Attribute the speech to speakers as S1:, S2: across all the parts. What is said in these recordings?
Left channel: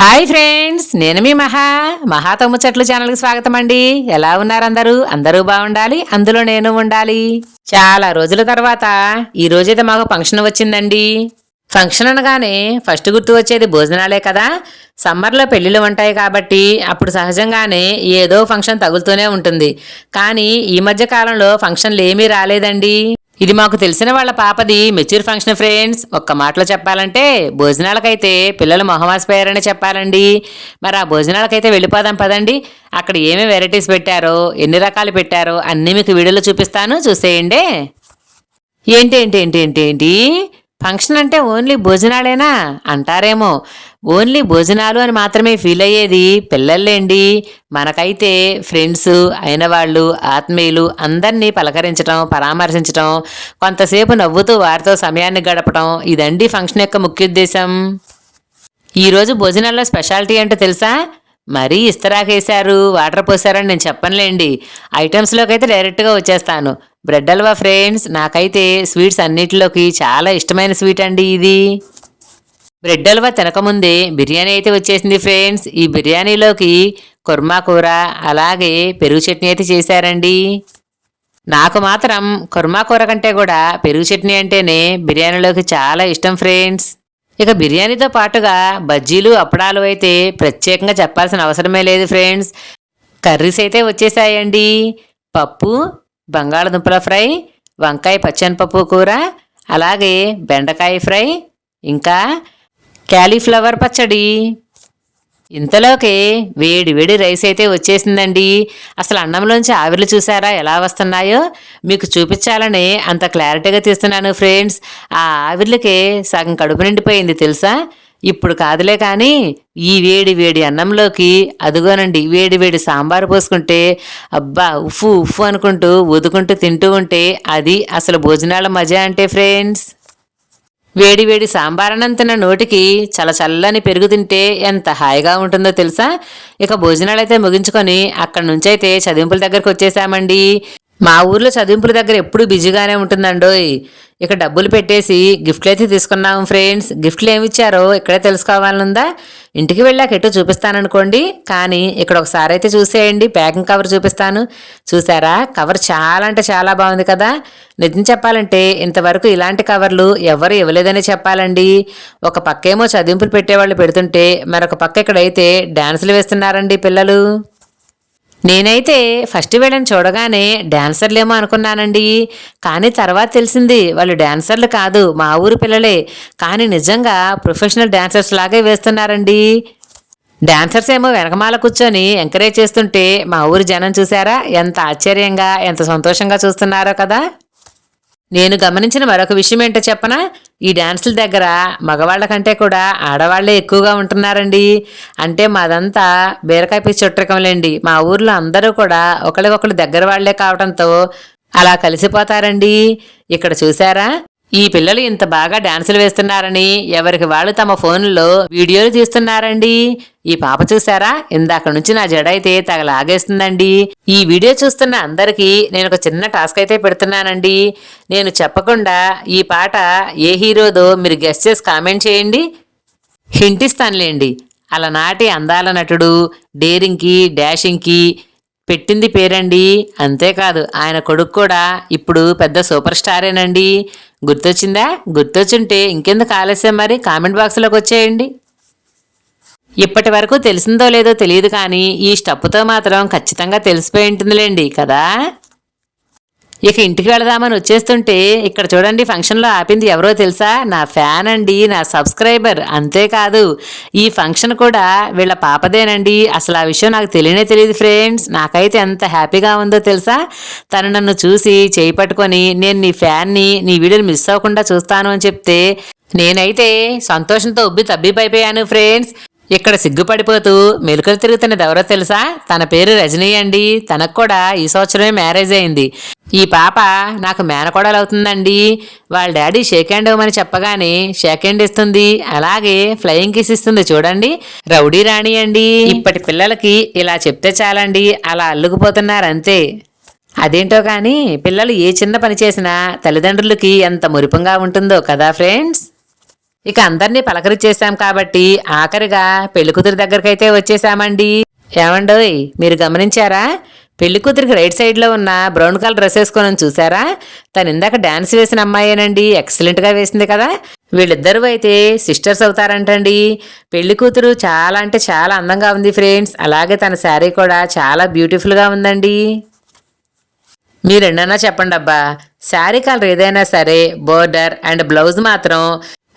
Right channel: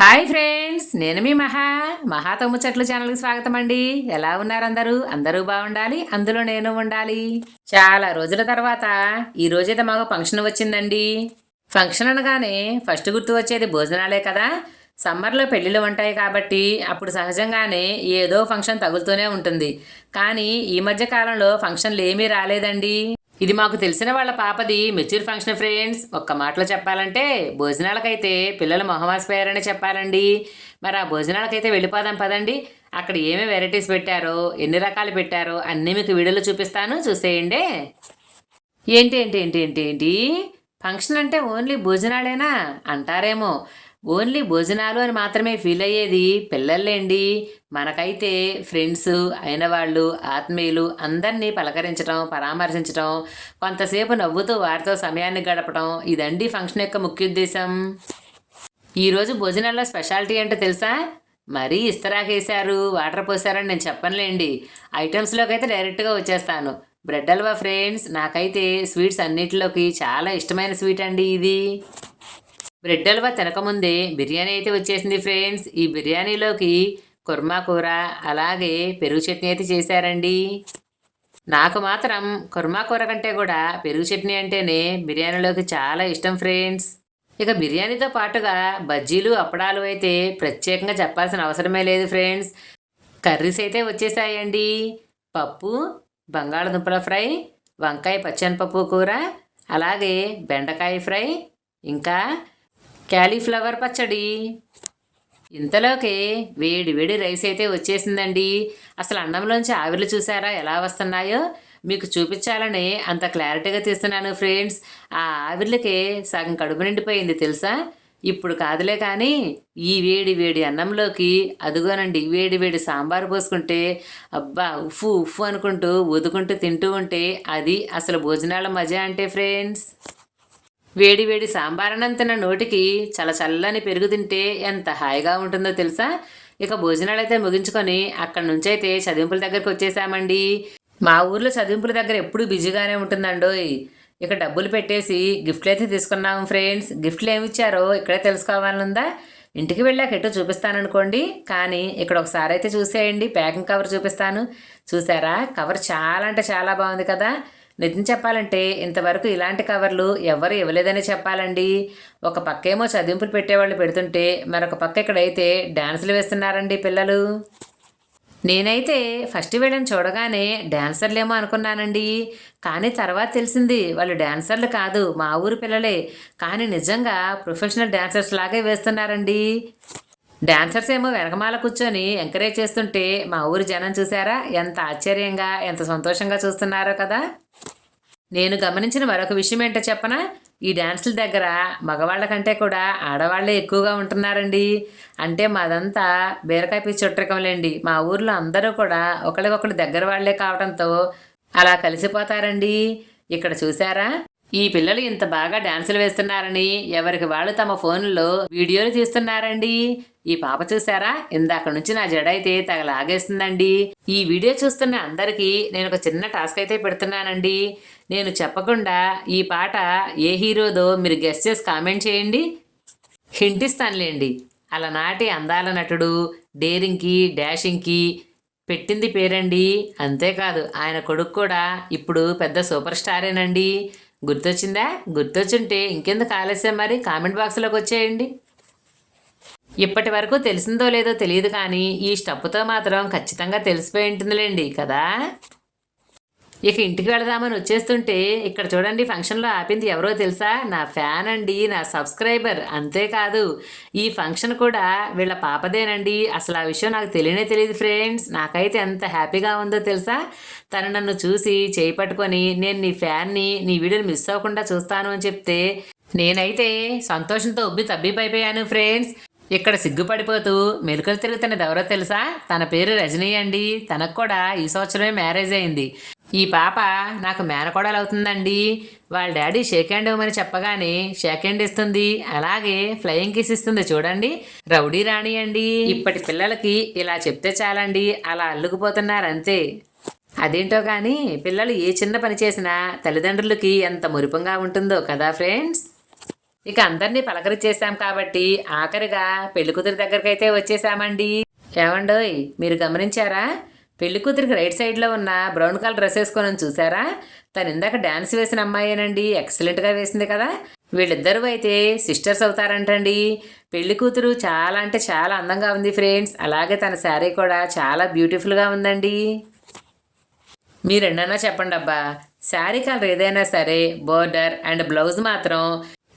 S1: Hi friends నేను మీ మహా. మహా తమ్ము చెట్లు ఛానల్కి స్వాగతం అండి. ఎలా ఉన్నారు అందరూ? అందరూ బాగుండాలి అందులో నేను ఉండాలి. చాలా రోజుల తర్వాత ఈ రోజైతే మాకు ఫంక్షన్ వచ్చిందండి. ఫంక్షన్ అనగానే ఫస్ట్ గుర్తు వచ్చేది భోజనాలే కదా. సమ్మర్లో పెళ్ళిళ్ళు ఉంటాయి కాబట్టి అప్పుడు సహజంగానే ఏదో ఫంక్షన్ తగులుతూనే ఉంటుంది. కానీ ఈ మధ్య కాలంలో ఫంక్షన్లు ఏమీ రాలేదండి. ఇది మాకు తెలిసిన వాళ్ళ పాపది. మెచ్యూర్ ఫంక్షన్ ఫ్రెండ్స్ ఒక్క మాటలో చెప్పాలంటే భోజనాలకైతే పిల్లలు మొహమాసిపోయారని చెప్పాలండి. మరి ఆ భోజనాలకైతే వెళ్ళిపోదాం పదండి. అక్కడ ఏమేమి వెరైటీస్ పెట్టారో ఎన్ని రకాలు పెట్టారో అన్నీ మీకు వీడియోలో చూపిస్తాను. చూసేయండి. ఏంటి ఏంటి ఏంటి ఏంటి ఏంటి? ఫంక్షన్ అంటే ఓన్లీ భోజనాలేనా? అంటారేమో. ఓన్లీ భోజనాలు అని మాత్రమే ఫీల్ అయ్యేది పిల్లల్లేండి. మనకైతే ఫ్రెండ్స్ అయిన వాళ్ళు ఆత్మీయులు అందరినీ పలకరించడం పరామర్శించడం కొంతసేపు నవ్వుతూ వారితో సమయాన్ని గడపడం ఇదండి ఫంక్షన్ యొక్క ముఖ్య ఉద్దేశం. ఈరోజు భోజనాల్లో స్పెషాలిటీ అంటే తెలుసా? మరీ ఇస్తరాకేశారు వాటర్ పోసారని నేను చెప్పనులేండి. ఐటమ్స్లోకి అయితే డైరెక్ట్గా వచ్చేస్తాను. బ్రెడ్ హల్వా ఫ్రెండ్స్ నాకైతే స్వీట్స్ అన్నిటిలోకి చాలా ఇష్టమైన స్వీట్ అండి ఇది. బ్రెడ్ హల్వా తినకముందే బిర్యానీ అయితే వచ్చేసింది ఫ్రెండ్స్. ఈ బిర్యానీలోకి కుర్మా కూర అలాగే పెరుగు చట్నీ అయితే చేశారండి. నాకు మాత్రం కుర్మా కూర కంటే కూడా పెరుగు చట్నీ అంటేనే బిర్యానీలోకి చాలా ఇష్టం ఫ్రెండ్స్. ఇక బిర్యానీతో పాటుగా బజ్జీలు అప్పడాలు అయితే ప్రత్యేకంగా చెప్పాల్సిన అవసరమే లేదు ఫ్రెండ్స్. కర్రీస్ అయితే వచ్చేసాయండి. పప్పు బంగాళదుంపల ఫ్రై వంకాయ పచ్చనిపప్పు కూర అలాగే బెండకాయ ఫ్రై ఇంకా క్యాలీఫ్లవర్ పచ్చడి. ఇంతలోకే వేడి వేడి రైస్ అయితే వచ్చేసిందండి. అసలు అన్నంలోంచి ఆవిర్లు చూసారా? ఎలా వస్తున్నాయో మీకు చూపించాలని అంత క్లారిటీగా తీస్తున్నాను ఫ్రెండ్స్. ఆ ఆవిర్లకే సగం కడుపు నిండిపోయింది తెలుసా? ఇప్పుడు కాదులే కానీ ఈ వేడి వేడి అన్నంలోకి అదుగోనండి వేడి వేడి సాంబారు పోసుకుంటే అబ్బా ఉఫ్ఫు ఉఫ్ఫు అనుకుంటూ వదుకుంటూ తింటూ ఉంటే అది అసలు భోజనాల మజా అంటే ఫ్రెండ్స్. వేడి వేడి సాంబారన్నం తిన్న నోటికి చల్ల చల్లని పెరుగు తింటే ఎంత హాయిగా ఉంటుందో తెలుసా? ఇక భోజనాలు అయితే ముగించుకొని అక్కడి నుంచి అయితే చదింపుల దగ్గరకు వచ్చేసామండి. మా ఊర్లో చదింపుల దగ్గర ఎప్పుడు బిజీగానే ఉంటుందండోయ్. ఇక డబ్బులు పెట్టేసి గిఫ్ట్లు అయితే తీసుకున్నాము ఫ్రెండ్స్. గిఫ్ట్లు ఏమి ఇచ్చారో ఇక్కడే తెలుసుకోవాలనుందా? ఇంటికి వెళ్ళాక ఎటు చూపిస్తాననుకోండి. కానీ ఇక్కడ ఒకసారి అయితే చూసేయండి. ప్యాకింగ్ కవర్ చూపిస్తాను. చూసారా? కవర్ చాలా అంటే చాలా బాగుంది కదా? నిజం చెప్పాలంటే ఇంతవరకు ఇలాంటి కవర్లు ఎవరు ఇవ్వలేదనే చెప్పాలండి. ఒక పక్కేమో చదింపులు పెట్టేవాళ్ళు పెడుతుంటే మరొక పక్క ఇక్కడైతే డ్యాన్సులు వేస్తున్నారండి పిల్లలు. నేనైతే ఫస్ట్ వీళ్ళని చూడగానే డాన్సర్లేమో అనుకున్నానండి. కానీ తర్వాత తెలిసింది వాళ్ళు డాన్సర్లు కాదు మా ఊరు పిల్లలే. కానీ నిజంగా ప్రొఫెషనల్ డాన్సర్స్ లాగే వేస్తున్నారండి. డాన్సర్స్ ఏమో వెనకమాల కూర్చొని ఎంకరేజ్ చేస్తుంటే మా ఊరి జనం చూసారా? ఎంత ఆశ్చర్యంగా ఎంత సంతోషంగా చూస్తున్నారో కదా. నేను గమనించిన మరొక విషయం ఏంటో చెప్పనా? ఈ డ్యాన్సుల దగ్గర మగవాళ్ళ కంటే కూడా ఆడవాళ్ళే ఎక్కువగా ఉంటున్నారండి. అంటే మాదంతా బీరకాయ పిచ్చి చుట్టకంలేండి మా ఊర్లో అందరూ కూడా ఒకరికొకరు దగ్గర వాళ్ళే కావడంతో అలా కలిసిపోతారండి. ఇక్కడ చూసారా ఈ పిల్లలు ఇంత బాగా డాన్సులు వేస్తున్నారని ఎవరికి వాళ్ళు తమ ఫోన్లో వీడియోలు తీస్తున్నారండి? ఈ పాప చూసారా ఇందాక నుంచి నా జడ అయితే తగలాగేస్తుందండి. ఈ వీడియో చూస్తున్న అందరికీ నేను ఒక చిన్న టాస్క్ అయితే పెడుతున్నానండి. నేను చెప్పకుండా ఈ పాట ఏ హీరోదో మీరు గెస్ట్ చేసి కామెంట్ చేయండి. హింటిస్తానులేండి. అలా నాటి అందాల నటుడు డేరింగ్కి డాషింగ్కి పెట్టింది పేరండి. అంతేకాదు ఆయన కొడుకు కూడా ఇప్పుడు పెద్ద సూపర్ స్టారేనండి. గుర్తొచ్చిందా? గుర్తొచ్చుంటే ఇంకెందుకు ఆలస్యం మరి? కామెంట్ బాక్స్లోకి వచ్చేయండి. ఇప్పటి వరకు తెలిసిందో లేదో తెలియదు కానీ ఈ స్టప్పుతో మాత్రం ఖచ్చితంగా తెలిసిపోయి ఉంటుందిలేండి కదా? ఇక ఇంటికి వెళదామని వచ్చేస్తుంటే ఇక్కడ చూడండి ఫంక్షన్లో ఆపింది ఎవరో తెలుసా? నా ఫ్యాన్ అండి నా సబ్స్క్రైబర్. అంతేకాదు ఈ ఫంక్షన్ కూడా వీళ్ళ పాపదేనండి. అసలు ఆ విషయం నాకు తెలియనే తెలియదు ఫ్రెండ్స్. నాకైతే ఎంత హ్యాపీగా ఉందో తెలుసా? తను నన్ను చూసి చేయి పట్టుకొని నేను నీ ఫ్యాన్ని నీ వీడియోని మిస్ అవ్వకుండా చూస్తాను అని చెప్తే నేనైతే సంతోషంతో ఉబ్బి తబ్బిపోయిపోయాను ఫ్రెండ్స్. ఇక్కడ సిగ్గుపడిపోతూ మెలుకలు తిరుగుతున్నది ఎవరో తెలుసా? తన పేరు రజనీ అండి తనకు కూడా ఈ సంవత్సరమే మ్యారేజ్ అయింది. ఈ పాప నాకు మేనకోడలు అవుతుందండి. వాళ్ళ డాడీ షేక్ హ్యాండ్ ఇవ్వమని చెప్పగానే షేక్ హ్యాండ్ ఇస్తుంది. అలాగే ఫ్లయింగ్ కిస్ ఇస్తుంది చూడండి. రౌడీ రాణి అండి. ఇప్పటి పిల్లలకి ఇలా చెప్తే చాలండి. అలా అల్లుకుపోతున్నారు అంతే అదేంటో కానీ పిల్లలు ఏ చిన్న పని చేసినా తల్లిదండ్రులకి ఎంత మురిపంగా ఉంటుందో కదా ఫ్రెండ్స్. ఇక అందరినీ పలకరించేశాం కాబట్టి ఆఖరిగా పెళ్ళికూతురు దగ్గరకైతే వచ్చేసామండి ఏమండోయ్ మీరు గమనించారా? పెళ్ళి కూతురికి రైట్ సైడ్లో ఉన్న బ్రౌన్ కలర్ డ్రెస్ వేసుకొని చూసారా? తను ఇందాక డాన్స్ వేసిన అమ్మాయేనండి. ఎక్సలెంట్గా వేసింది కదా. వీళ్ళిద్దరూ అయితే సిస్టర్స్ అవుతారంటండి. పెళ్ళి కూతురు చాలా అంటే చాలా అందంగా ఉంది ఫ్రెండ్స్ అలాగే తన శారీ కూడా చాలా బ్యూటిఫుల్గా ఉందండి. మీరెన్నన్నా చెప్పండి అబ్బా శారీ కలర్ ఏదైనా సరే బోర్డర్ అండ్ బ్లౌజ్ మాత్రం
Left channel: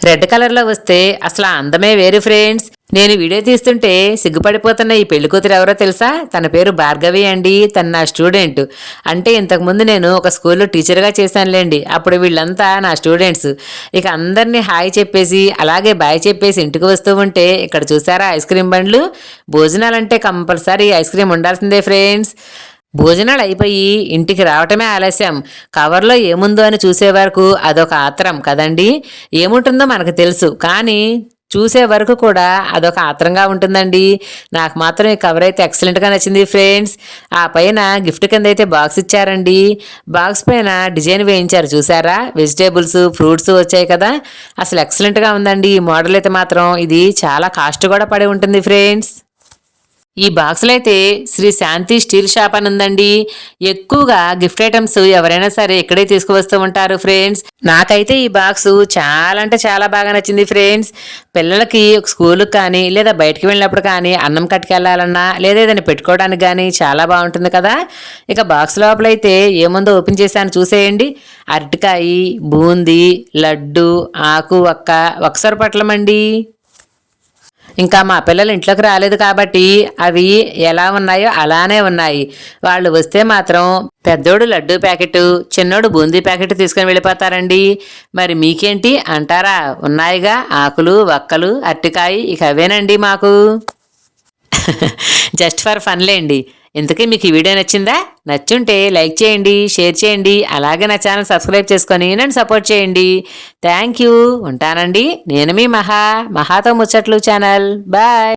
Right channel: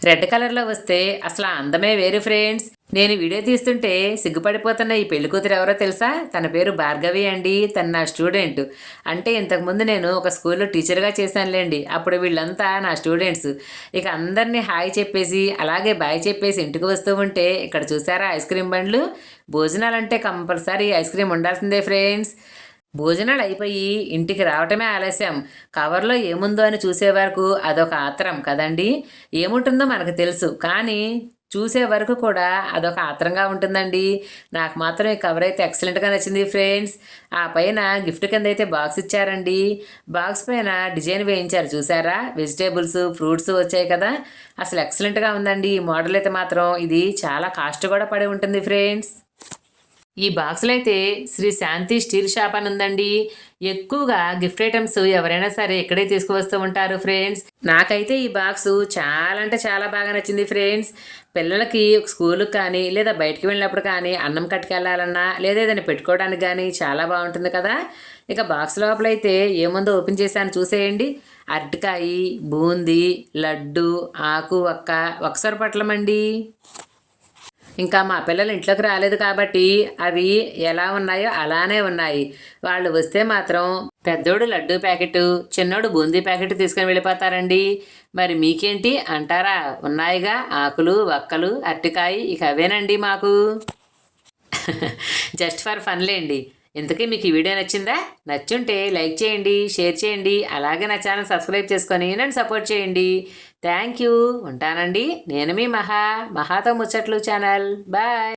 S1: రెడ్ కలర్లో వస్తే అసలు అందమే వేరు ఫ్రెండ్స్. నేను వీడియో తీస్తుంటే సిగ్గుపడిపోతున్న ఈ పెళ్ళి కూతురు ఎవరో తెలుసా? తన పేరు భార్గవి అండి. తన నా స్టూడెంట్. అంటే ఇంతకుముందు నేను ఒక స్కూల్లో టీచర్గా చేశానులేండి. అప్పుడు వీళ్ళంతా నా స్టూడెంట్స్. ఇక అందరినీ హాయ్ చెప్పేసి అలాగే బాయ్ చెప్పేసి ఇంటికి వస్తూ ఉంటే ఇక్కడ చూసారా ఐస్ క్రీమ్ బండ్లు? భోజనాలంటే కంపల్సరీ ఐస్ క్రీమ్ ఉండాల్సిందే ఫ్రెండ్స్. భోజనాలు అయిపోయి ఇంటికి రావటమే ఆలస్యం. కవర్లో ఏముందో అని చూసే వరకు అదొక ఆత్రం కదండి? ఏముంటుందో మనకు తెలుసు. కానీ చూసే వరకు కూడా అదొక ఆత్రంగా ఉంటుందండి. నాకు మాత్రం ఈ కవర్ అయితే ఎక్సలెంట్గా నచ్చింది ఫ్రెండ్స్. ఆ పైన గిఫ్ట్ కింద అయితే బాక్స్ ఇచ్చారండి. బాక్స్ పైన డిజైన్ వేయించారు చూసారా? వెజిటేబుల్స్ ఫ్రూట్స్ వచ్చాయి కదా? అసలు ఎక్సలెంట్గా ఉందండి ఈ మోడల్ అయితే మాత్రం. ఇది చాలా కాస్ట్ కూడా పడి ఉంటుంది ఫ్రెండ్స్. ఈ బాక్స్లో అయితే శ్రీ శాంతి స్టీల్ షాప్ అని ఉందండి. ఎక్కువగా గిఫ్ట్ ఐటమ్స్ ఎవరైనా సరే ఇక్కడే తీసుకువస్తూ ఉంటారు ఫ్రెండ్స్. నాకైతే ఈ బాక్స్ చాలా అంటే చాలా బాగా నచ్చింది ఫ్రెండ్స్. పిల్లలకి స్కూల్కి కానీ లేదా బయటికి వెళ్ళినప్పుడు కానీ అన్నం కట్టుకెళ్ళాలన్నా లేదా ఏదైనా పెట్టుకోవడానికి కానీ చాలా బాగుంటుంది కదా. ఇక బాక్స్ లోపల అయితే ఏముందో ఓపెన్ చేశాను చూసేయండి. అరటికాయ బూందీ లడ్డు ఆకు ఒక్క ఒకసారి పట్లమండి ఇంకా మా పిల్లలు ఇంట్లోకి రాలేదు కాబట్టి అవి ఎలా ఉన్నాయో అలానే ఉన్నాయి. వాళ్ళు వస్తే మాత్రం పెద్దోడు లడ్డూ ప్యాకెట్ చిన్నోడు బూందీ ప్యాకెట్ తీసుకొని వెళ్ళిపోతారండి. మరి మీకేంటి? అంటారా? ఉన్నాయిగా? ఆకులు వక్కలు అరటికాయ ఇక అవేనండి మాకు. Just for ఫన్లేండి. ఇంతకీ మీకు ఈ వీడియో నచ్చిందా? నచ్చుంటే లైక్ చేయండి షేర్ చేయండి అలాగే నా ఛానల్ సబ్స్క్రైబ్ చేసుకొని నన్ను సపోర్ట్ చేయండి. Thank you. ఉంటానండి. నేను మీ మహా మహాతో ముచ్చట్లు ఛానల్. బాయ్.